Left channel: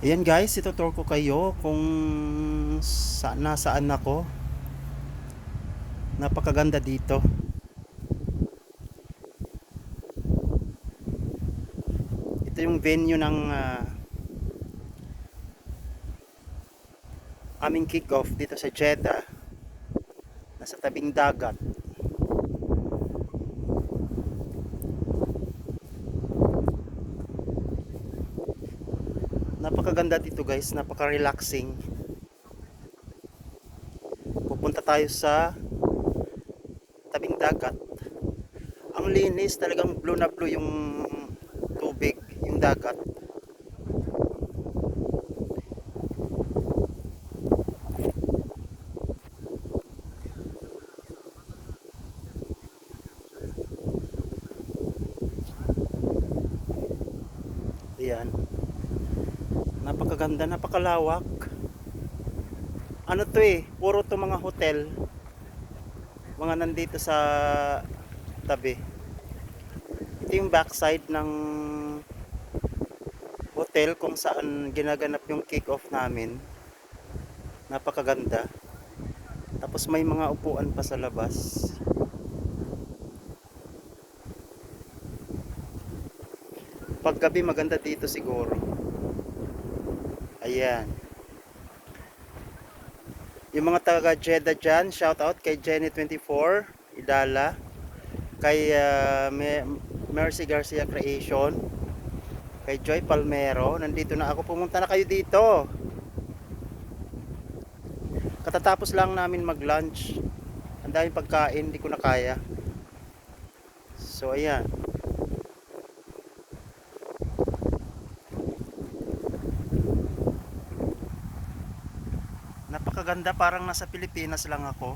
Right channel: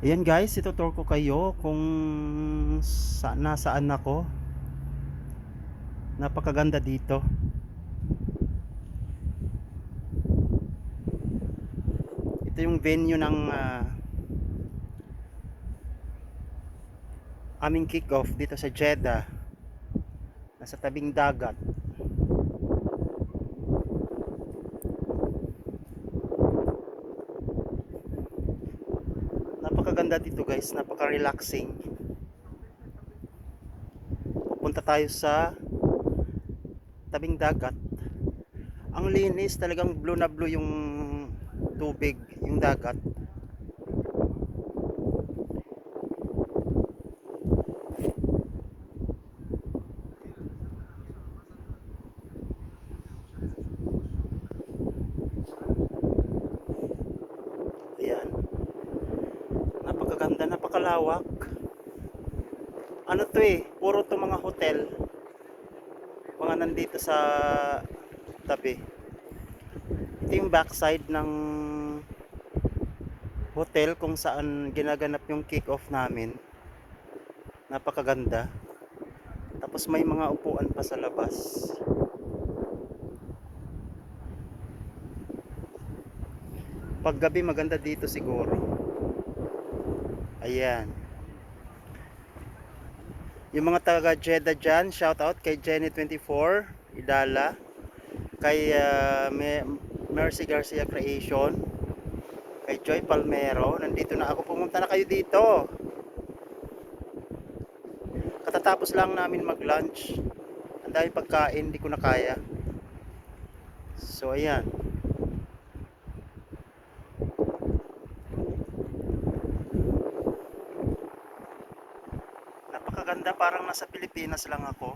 Ayan guys, itutur ko kayo kung sa, nasaan ako. Napakaganda dito. Ito yung venue ng ah, aming kick-off dito sa Jeddah. Nasa tabing dagat. Napakaganda dito guys, napaka-relaxing. Pupunta tayo sa tabing dagat. Ang linis, talagang blue na blue yung tubig, yung dagat. Ayan. Napakaganda, napakalawak. Ano to eh, puro to mga hotel. Mga nandito sa tabi. Ito yung backside ng hotel kung saan ginaganap yung kick-off namin. Napakaganda. Tapos may mga upuan pa sa labas. Paggabi maganda dito siguro. Ayan. Yung mga taga Jeddah dyan, shout out kay Jenny24, Idala, kay Me- Mercy Garcia Creation, kay Joy Palmero, nandito na ako, pumunta na kayo dito. Katatapos lang namin mag-lunch. Ang daming pagkain, hindi ko na kaya. So ayan. Napakaganda, parang nasa Pilipinas lang ako.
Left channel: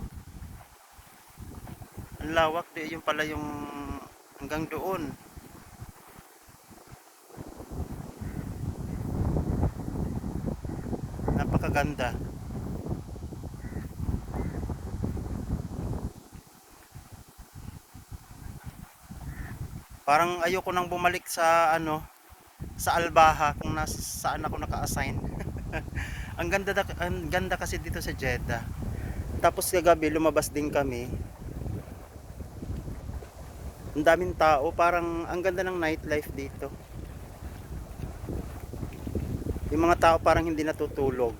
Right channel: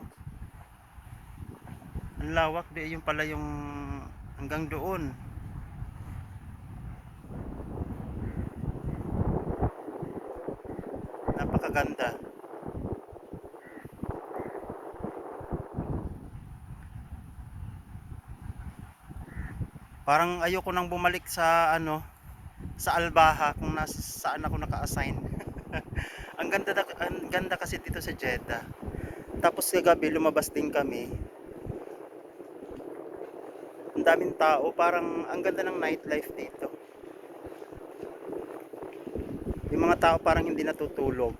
Ang lawak di yung pala yung hanggang doon. Napakaganda. Parang ayoko nang bumalik sa ano sa Albaha kung nas, saan ako naka-assign. ang ganda da- ang ganda kasi dito sa Jeddah. Tapos kagabi lumabas din kami. Ang daming tao, parang ang ganda ng nightlife dito. Yung mga tao parang hindi natutulog.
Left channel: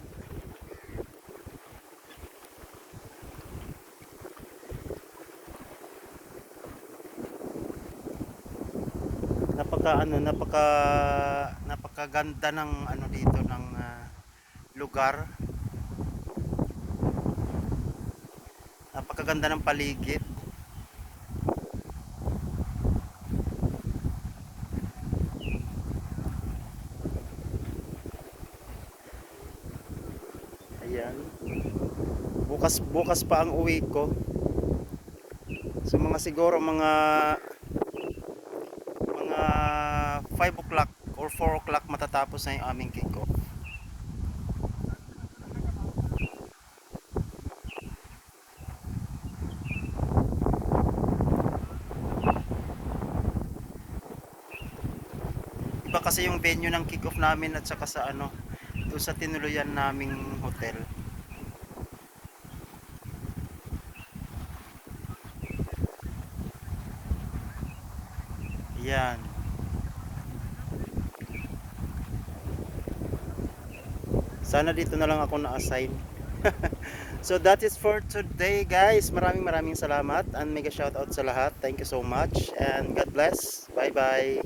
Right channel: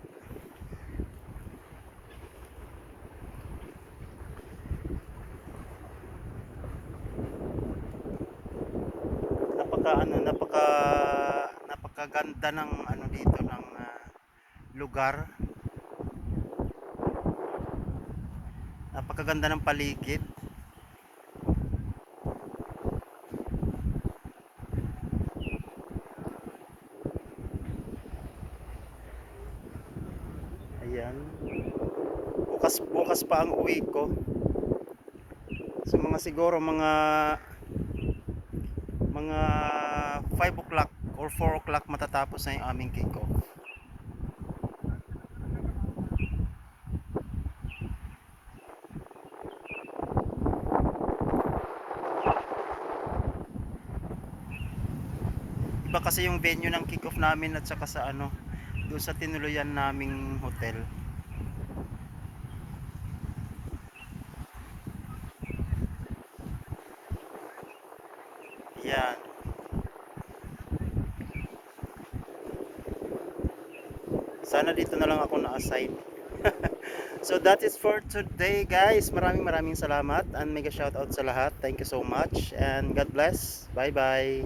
Napaka ano, napaka napakaganda ng ano dito lugar. Napakaganda ng paligid. Ayan. Bukas bukas pa ang uwi ko. So mga siguro mga mga 5 o'clock or 4 o'clock matatapos na yung aming kick-off. Iba kasi yung venue ng kick-off namin at saka sa ano, doon sa tinuluyan naming hotel. Yan. Sana dito na lang ako na-assign. so that is for today guys. Maraming maraming salamat and mega shout out sa lahat. Thank you so much and God bless. Bye bye.